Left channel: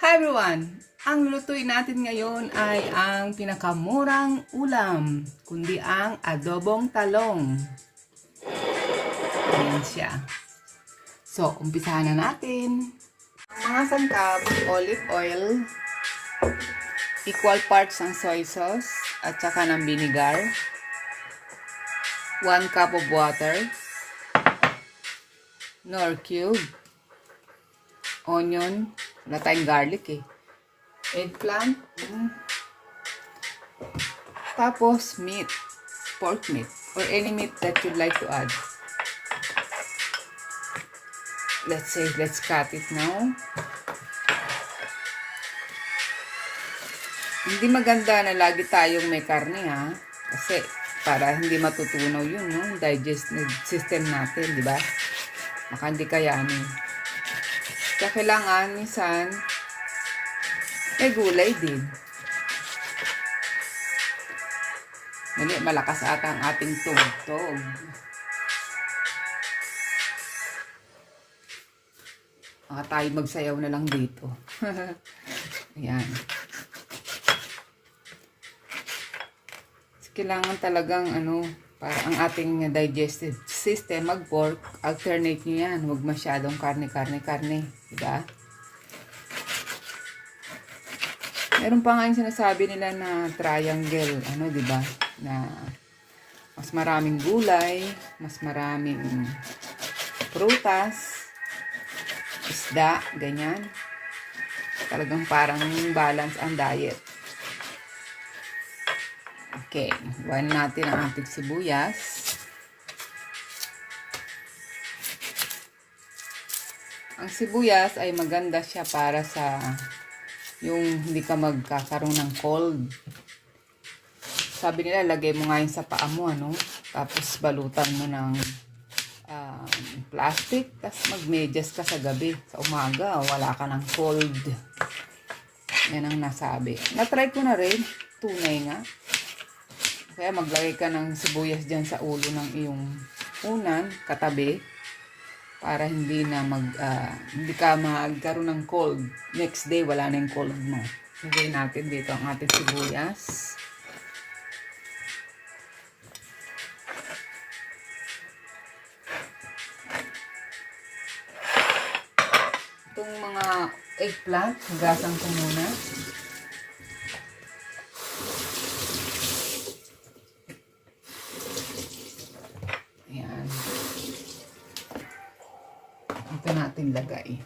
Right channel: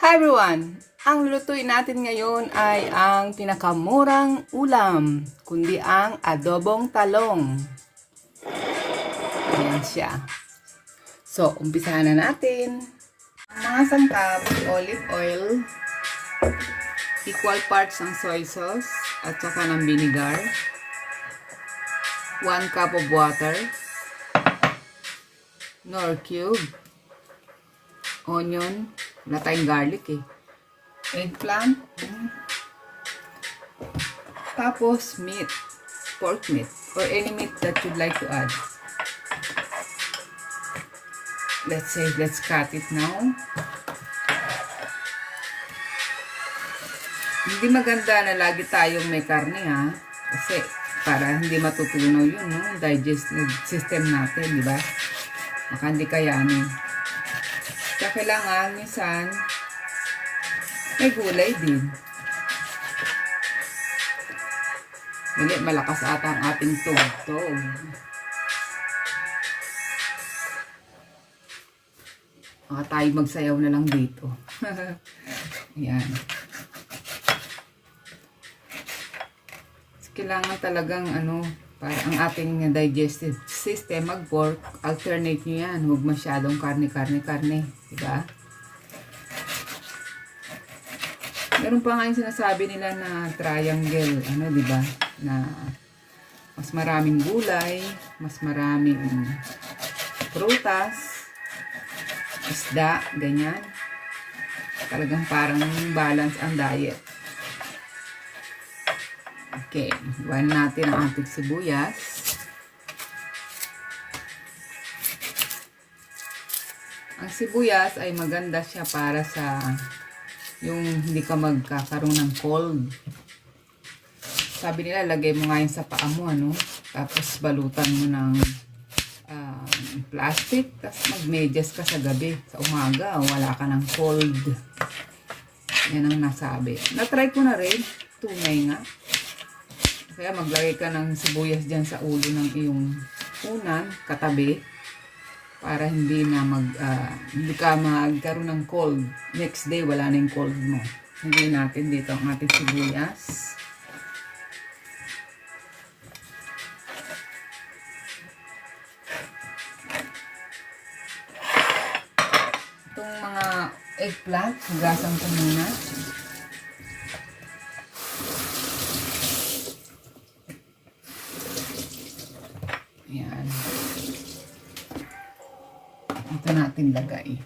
Hi everyone! Ang lutuin natin ngayon ay ang pinakamurang ulam, kundi ang adobong talong. Ayan siya. So, umpisahan na natin. Mga sangkap, olive oil, equal parts ng soy sauce, at saka ng vinegar, 1 cup of water, nor cube, onion, wala tayong garlic eggplant, tapos meat, pork meat, or any meat that you'd like to add. Let's cut it now. Hindi maganda na lagi tayong may karne kasi para hindi matutunaw yun, no? Digestive system natin, di ba? Baka hindi kayanin. Kaya kailangan minsan may gulay din. Mali, malakas ata ang ating tugtog. Baka tayo magsayaw na lang dito. Ayan. Kailangan talagang para ang ating digestive system mag-work, alternate nyo yan. Huwag masyadong karne. Diba? Meron pa nga yung sinasabi nila na triangle, diba? Na mas maraming gulay, mas maraming prutas, isda, ganyan. Talagang parang balance ang diet. Okay, iwan natin ang ating sibuyas. Ang sibuyas ay maganda siya para sa yung hindi ka magkakaroon ng cold. Sabi nila, lagay mo nga yun sa paa mo, tapos balutan mo ng plastic, tapos magmedyas ka sa gabi. Sa umaga, wala ka ng cold. Yan ang nasabi. Na-try ko na rin. Tunay nga. Kaya maglagay ka ng sibuyas dyan sa ulo ng iyong unan, katabi, para hindi ka magkaroon ng cold. Next day, wala na yung cold mo. Lagay natin dito ang ating sibuyas. Itong mga eggplant, hugasan ko muna. Ayan. Ito natin lagay.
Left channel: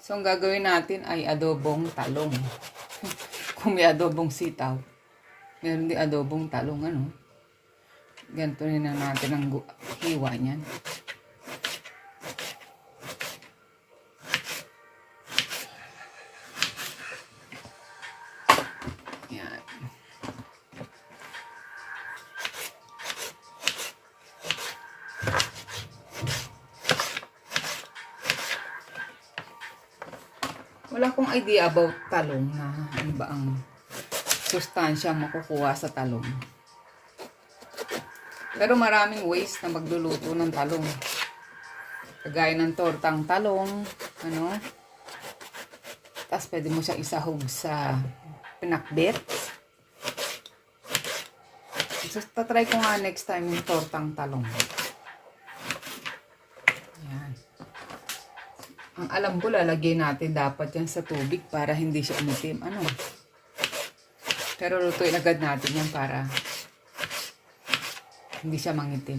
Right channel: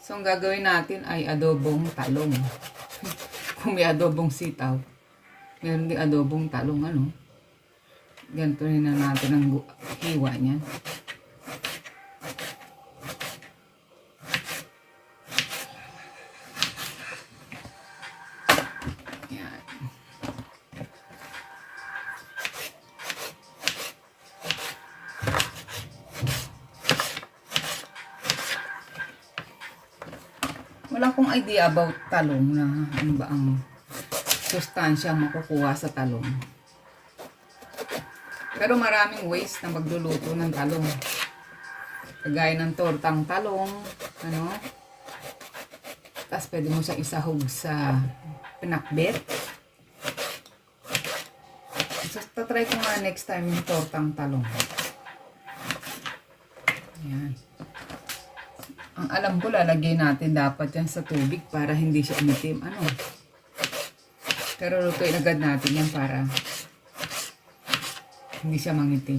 So, ang gagawin natin ay adobong talong. Kung may adobong sitaw, meron din adobong talong, Ganito rin na natin ang hiwa niyan. Ayan. Wala akong idea about talong na ano ba ang sustansya makukuha sa talong. Pero maraming ways na magluluto ng talong. Kagaya ng tortang talong, Tapos pwede mo siya isahog sa pinakbet. So, tatry ko nga next time yung tortang talong. Ayan. Ang alam ko, lalagay natin dapat yan sa tubig para hindi siya umitim. Pero lutuin agad natin yan para hindi siya mangitim.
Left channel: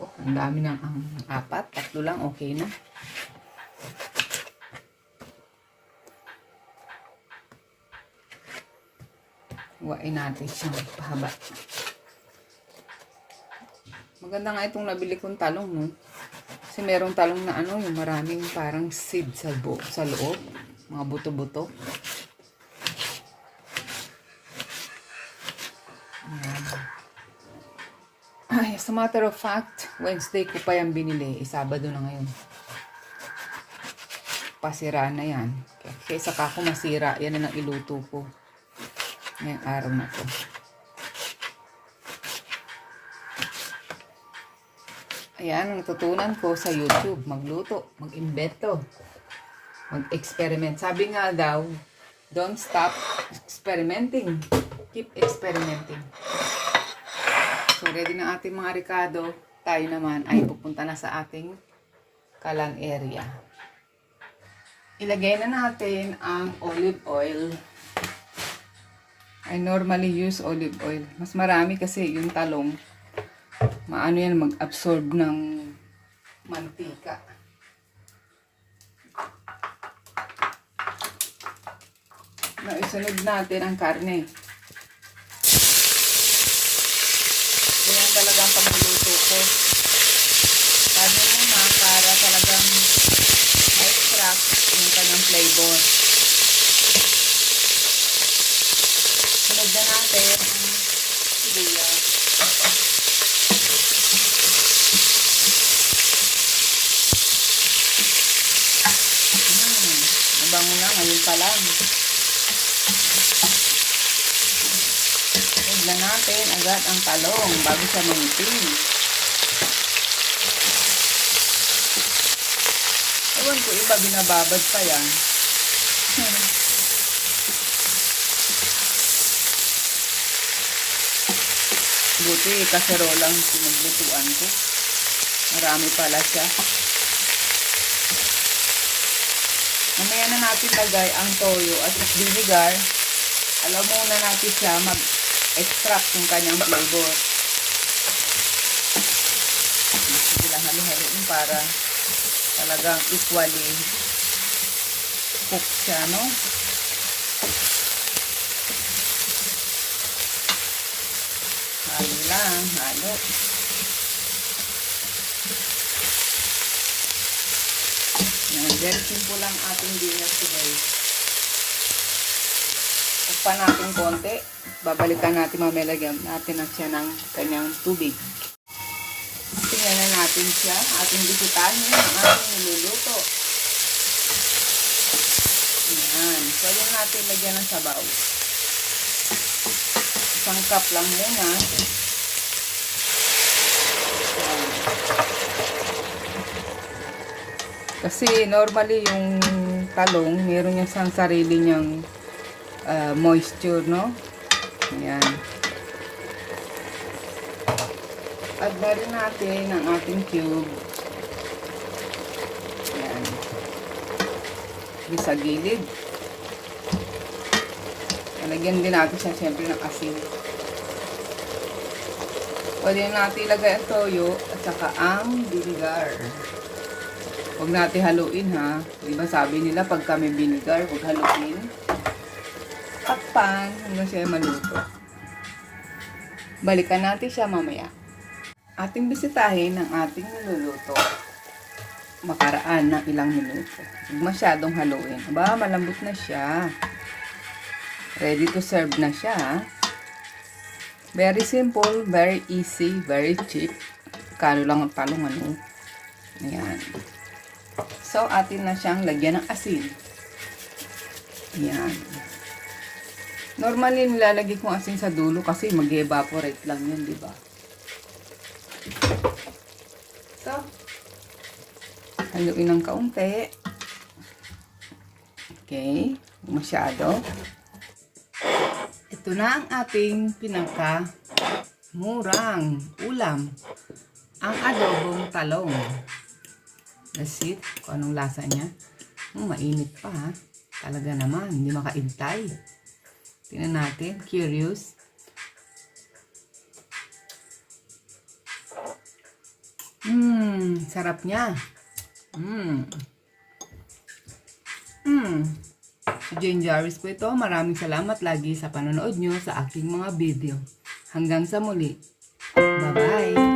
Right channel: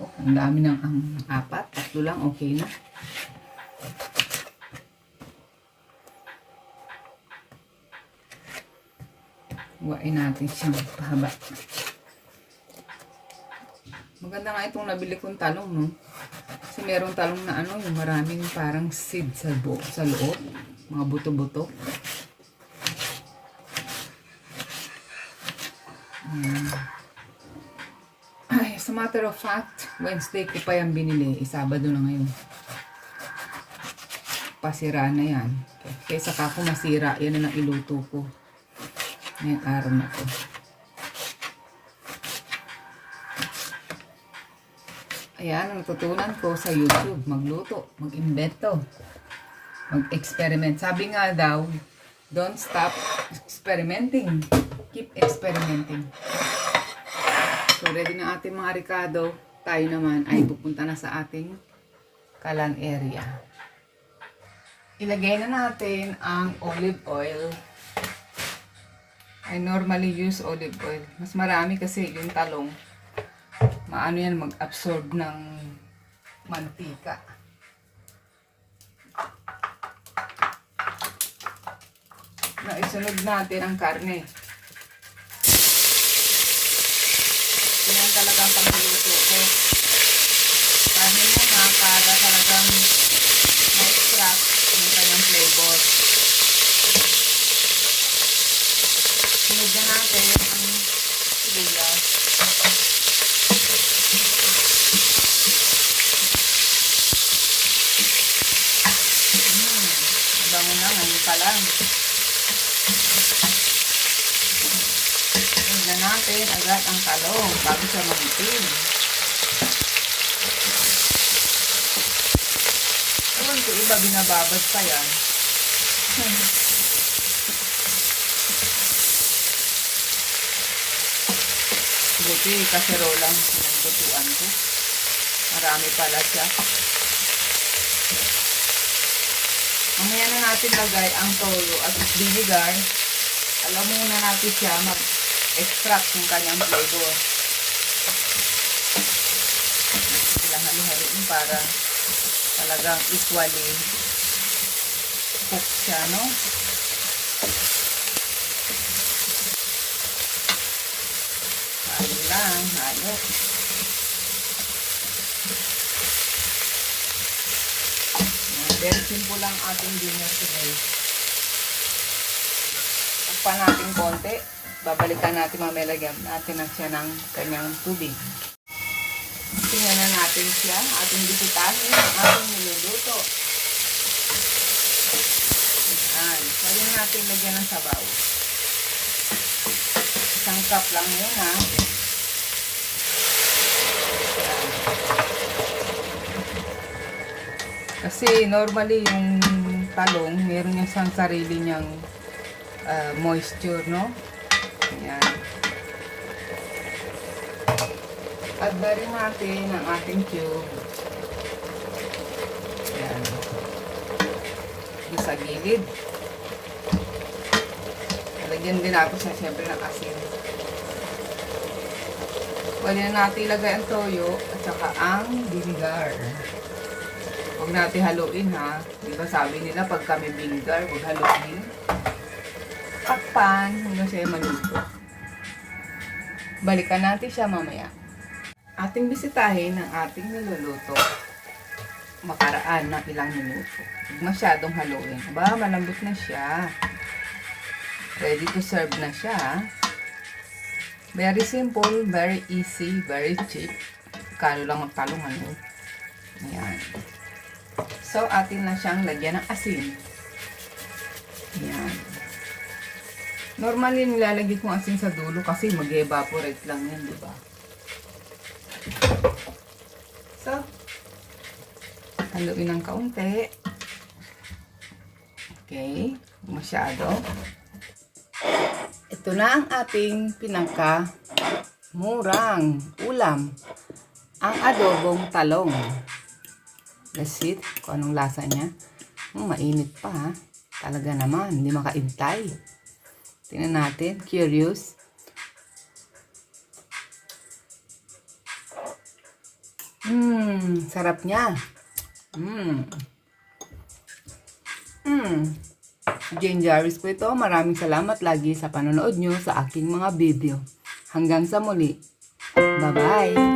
Oh, ang dami na ang 4. 3 lang, okay na. Huwain natin siyang pahaba. Maganda nga itong nabili kong talong, no? Kasi merong talong na yung maraming parang seed sa loob. Mga buto-buto. Ay, as a matter of fact, Wednesday ko pa yan binili. Sabado na ngayon. Pasira na yan. Kaya saka ako masira, yan na iluto ko. Ngayong araw na to. Ayan, ang natutunan ko sa YouTube. Magluto, mag-invento, mag-experiment. Sabi nga daw, don't stop experimenting. Keep experimenting. So, ready na ating mga ricado. Tayo naman ay pupunta na sa ating kalan area. Ilagay na natin ang olive oil. I normally use olive oil. Mas marami kasi yung talong. Maano yan mag-absorb ng mantika. Na isunod natin ang karne. Yan talagang pagluluto ko. Karne muna para talagang ma-extract yung kanyang flavor. Sunod na natin ang sibuyas. Mabango na, ngayon pa lang. Tignan natin agad ang talong bago siya manitin. Ewan ko iba binababad pa yan. Buti, kaserolang sinaglutuan ko. Marami pala siya. Mamaya na natin lagay ang toyo at vinegar. Alam muna natin siya mag-extract yung kanyang flavor. Sila hali-haliin para talagang equally cook siya, no? Halo lang, halo. Very simple lang ating dinner today. Takpan natin konti. Babalikan natin, mamaya lagyan natin na siya ng kanyang tubig. Tingnan na natin siya. Ating bisitahin. Ating niluluto. Ayan. Pwede natin lagyan ng sabaw. Isang cup lang yun, ha. Kasi normally yung talong, meron niya sang sarili niyang moisture, no? Ayan. Add na rin natin ang ating cube. Ayan. Sa gilid. Lagyan din natin siya siyempre ng asin. Pwede na natin ilagay ang toyo at saka ang vinegar. Huwag natin haluin, ha. Diba sabi nila pag kami vinegar, huwag haluin. Takpan, hanggang siya maluto. Balikan natin siya mamaya. Ating bisitahin ang ating niluluto. Makaraan na ilang minuto. Huwag masyadong haluin. Aba, malambot na siya. Ready to serve na siya. Very simple, very easy, very cheap. Kano lang ang talong, ano. Ayan. So, atin na siyang lagyan ng asin. Ayan. Normally, nilalagay kong asin sa dulo kasi mag-evaporate lang yun, diba? So, haluin ng kaunti. Okay. Masyado. Ito na ang ating pinangka murang ulam. Ang adobong talong. That's it. Kung anong lasa niya. Mainit pa, ha. Talaga naman. Hindi makaintay. Tingnan natin. Curious. Sarap niya. Si Jane Jarvis po ito. Maraming salamat lagi sa panonood nyo sa aking mga video. Hanggang sa muli. Bye-bye.